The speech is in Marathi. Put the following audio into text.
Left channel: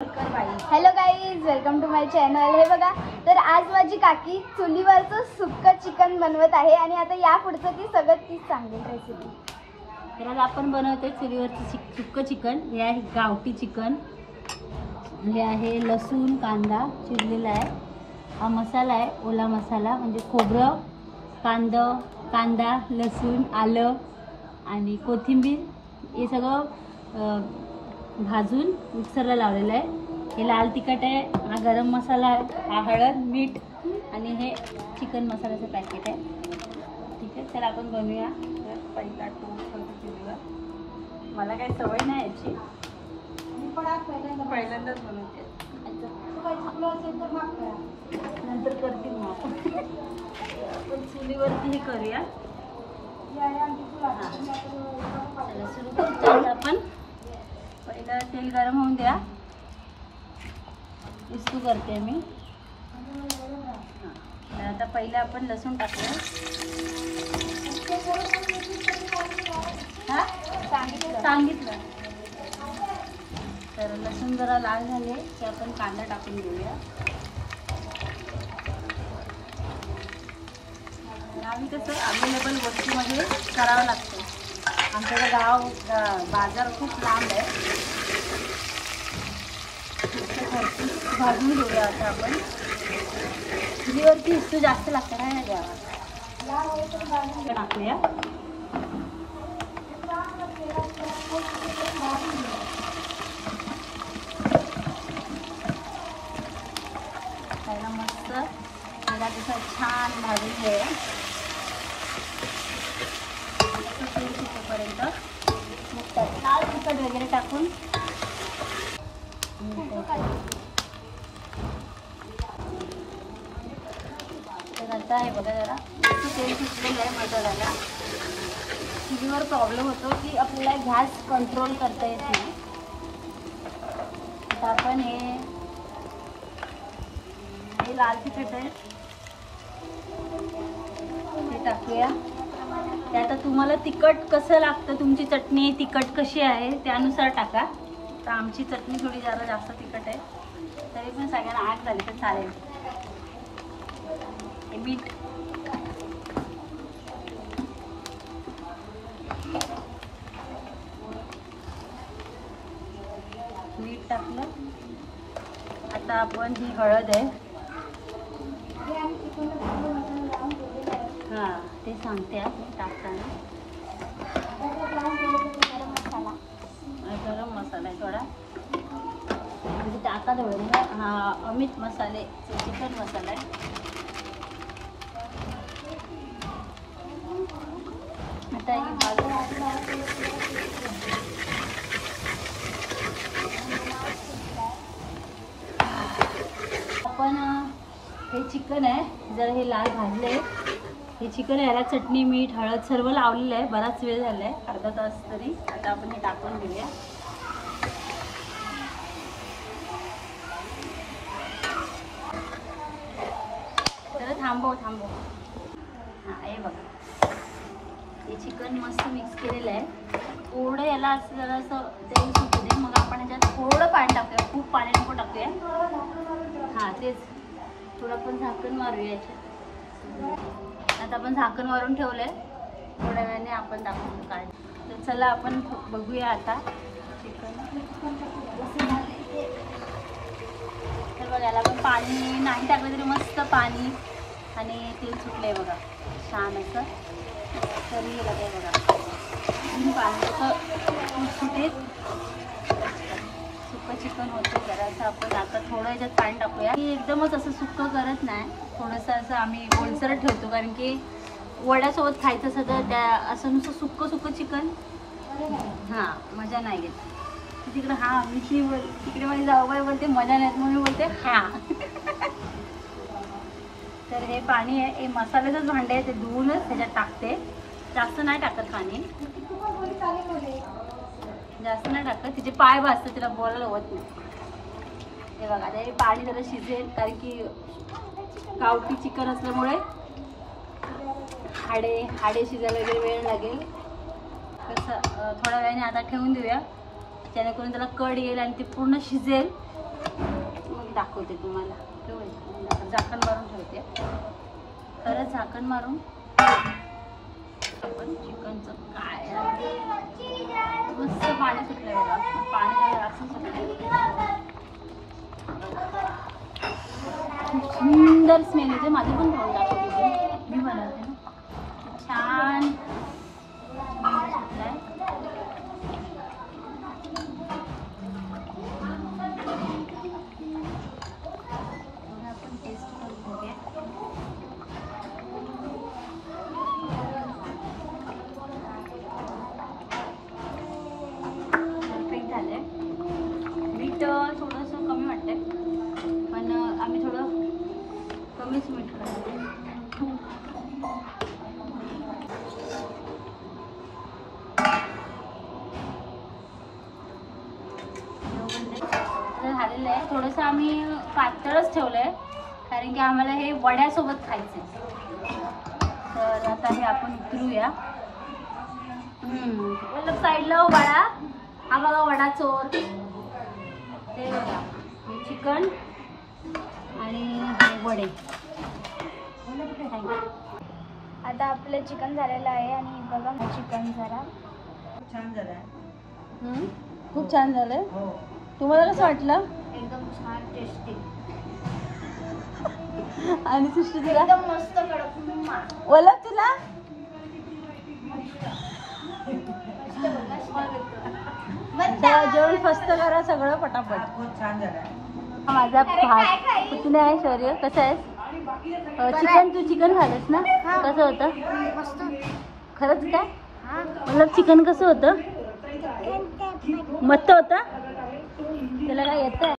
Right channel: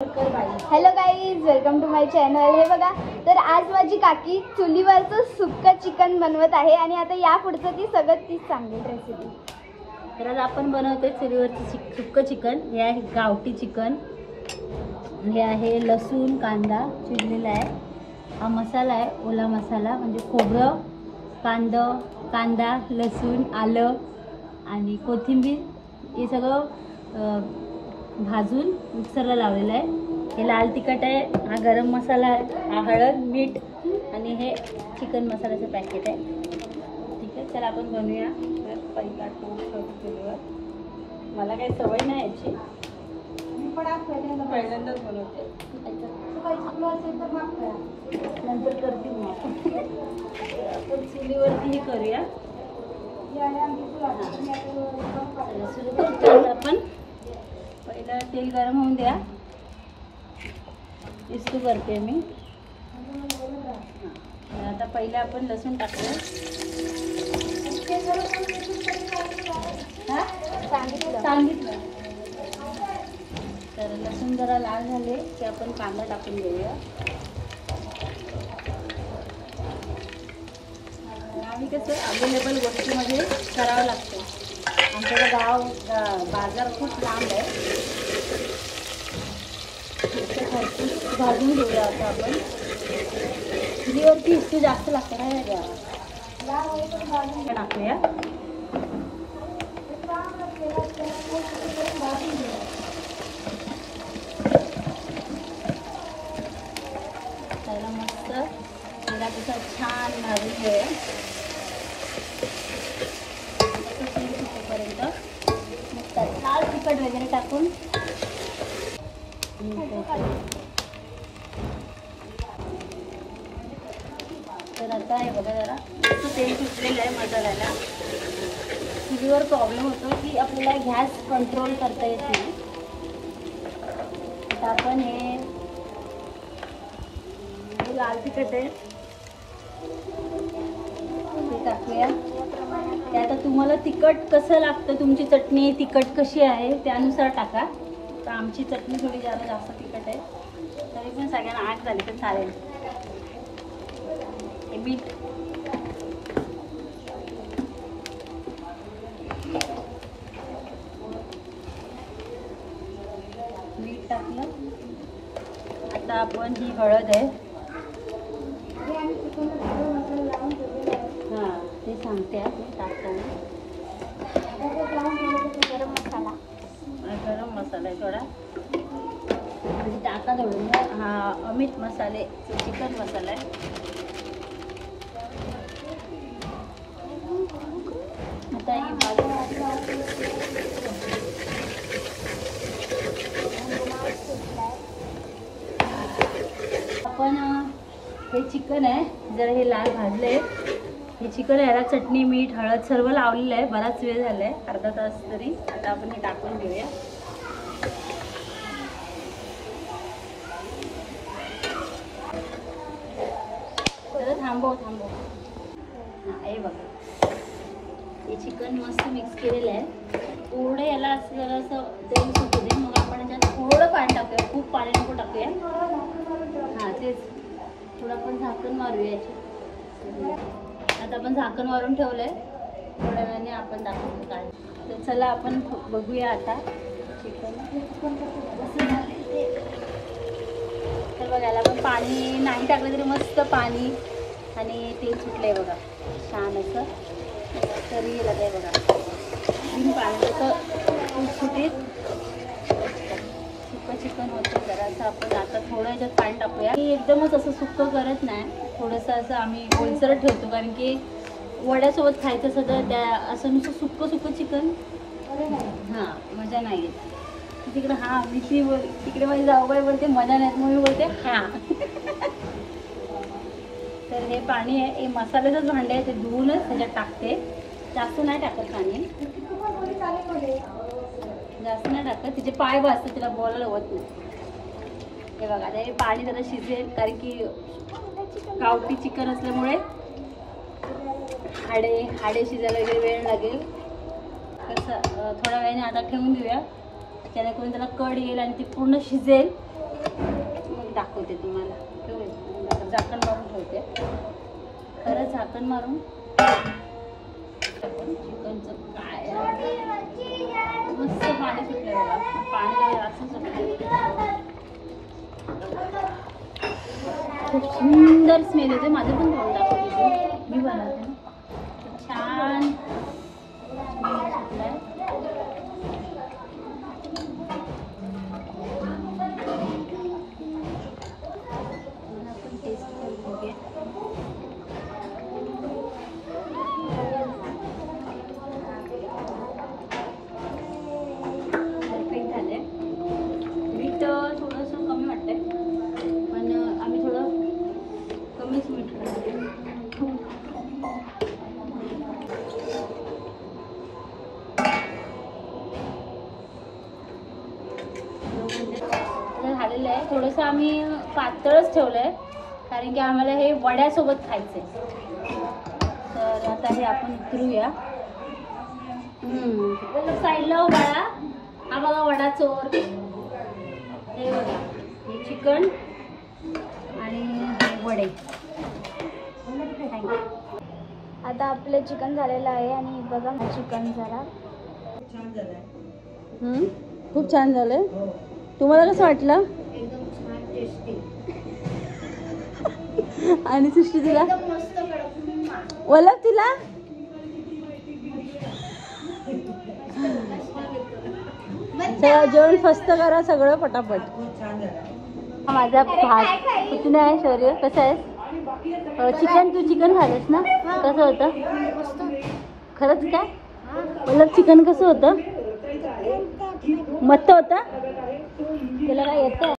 Hello guys, welcome to my channel. हे बघा, तर आज माझी काकी चुलीवरचं सुक्क चिकन बनवत आहे आणि आता या पुढचं ती सगळं तीच सांगेल रेसिपी. तर आज आपण बनवतोय चुलीवरचं सुक्क चिकन. हे आहे गावठी चिकन, हे आहे लसूण कांदा चिरलेला आहे. हा मसाला आहे ओला मसाला, म्हणजे खोबरं, कांदा लसूण आलं आणि कोथिंबीर हे सगळं भाजून मिक्सरला लावलेलं आहे. हे लाल तिखट आहे, हा गरम मसाला आहे, हा हळद मीठ आणि हे चिकन मसाल्याचं पॅकेट आहे. ठीक आहे, तर आपण बनवूया. तर पहिला टोस्ट केल्यावर मला काही सवय नाही याची, मी पण आज पहिल्यांदाच बनवते. नंतर करतील मग. आपण चुलीवरती हे करूया. सुरू करतो आपण. पहिलं तेल गरम होऊन द्या. इसको करते मी. आता पहिले आपण लसूण टाकूया. सांगितलं. तर लसूण जरा लाल झाले की आपण कांदा टाकून घेऊया. आम्ही कसं अवेलेबल वस्तूमध्ये करावं लागतं. आमच्याकडे बाजार खूप लांब आहे. भाजून घेऊया. आता आपण चुलीवरती वस्तू जास्त लागतं काय टाकूया. त्याला मस्त तेला तिथं छान भाजून घेऊया. पर्यंत मग लाल तिखट वगैरे टाकून तर आता आहे बघा, जरा तेल सुटलेलं आहे मसाल्याला. चुलीवर प्रॉब्लेम होतो की आपल्याला गॅस कंट्रोल करता येत नाही. आता आपण हे लाल तिखट आहे ते टाकूया. ते आता तुम्हाला तिखट कसं लागतं, तुमची चटणी तिखट कशी आहे त्यानुसार टाका. तर आमची चटणी थोडी जरा जास्त तिखट आहे, तरी पण सगळ्यांना आठ झाली तर चालेल. मीठ टाकलं. आता आपण ही हळद आहे, हां ते सांगते टाकताना. गरम मसाला आहे थोडा, म्हणजे टाका थोडं. हा अमित मसाले चिकन मसाला आहे. आता ही आपण हे चिकन आहे, जरा हे लाल भाजले. हे चिकन याला चटणी मीठ हळद सर्व लावलेलं आहे. बराच वेळ झाला आहे, अर्धा तास तरी. आता आपण हे टाकून घेऊया. जरा थांबव. हां हे बघा, हे चिकन मस्त मिक्स केलेलं आहे. थोडं याला असं जरासं तेल सुटू दे, मग आपण याच्यात थोडं पाणी टाकूया. खूप पाणी नको टाकूया. हां तेच, थोडं आपण झाकण मारूया याच्यात. आता आपण झाकण मारून ठेवलंय. थोड्या वेळाने आपण दाखवतो काय. तर चला आपण बघूया आता चिकन. तर बघा, याला पण पाणी नाही टाकलं तरी मस्त पाणी आणि तेल सुटलंय बघा छान असं. तरी काय बघा पाणी असं सुटीत सुक्कं चिकन होतं. जरासं आपण आता थोडं याच्यात पाणी टाकूया. हे एकदमच असं सुक्कं करत नाही, थोडंसं असं आम्ही ओलसर ठेवतो, कारण की वड्यासोबत खायचं असं तर त्या असं नुसतं सुक्कं चिकन हां मजा नाही येत. तिकडे हां मी तिकडे माझी जाऊबाई बोलते मजा नाहीत, मग मी बोलते हां. तर हे पाणी आहे, हे मसाल्याचंच भांडे आहे, ते धुवूनच ह्याच्यात टाकते. जास्त नाही टाकत पाणी, जास्त नाही टाकत. तिचे पाय भाजतात, तिला बोलायला होत नाही. हे बघा, ते पाणी जरा शिजेल, कारण की गावठी चिकन असल्यामुळे हाडे शिजायला वगैरे वेळ लागेल. कसं थोड्या वेळाने आता ठेवून देऊया, जेणेकरून त्याला कड येईल आणि ती पूर्ण शिजेल. मग दाखवते तुम्हाला. ठेवूया झाकण मारून ठेवते. खरं झाकण मारून आपण चिकनचं काय मस्त पाणी सुटलंय बघा. पाणी असं सुटलंय. खूप सुंदर स्मेल येते. माझे पण तोंड दाखवते. मी बनवते ना. छान सुटलंय. आपण टेस्ट करून बघूया. परफेक्ट झाले. मीठ थोडंसं कमी वाटतंय, पण आम्ही थोडं कमीच मीठ करतो. झालेलं आहे. थोडंसं आम्ही पातळच ठेवलंय, कारण की आम्हाला हे वड्यासोबत खायचंय. तर आता हे आपण उतरूया. साईडला वडा. हा बघा वडा चोर. ते बघा चिकन आणि वडे. आता आपलं चिकन झालेलं आहे आणि बघा चिकन जरा छान झालाय. खूप छान झालंय. तुम्हाला कसं वाटलं? एकदम छान टेस्टी आणि सृष्टी तुला? एकदम मस्त कडक. ओला तुला? जेवण फस्त करा सगळं पटापट. खूप छान झालाय. माझा किती आहे शौर्य? कसं आहेस? चिकन तू चिकन खाल्लंस ना? कसं होतं? मस्त. खरंच काय? ओला चिकन कसं होतं? मस्त होतं. त्याला काय येतं?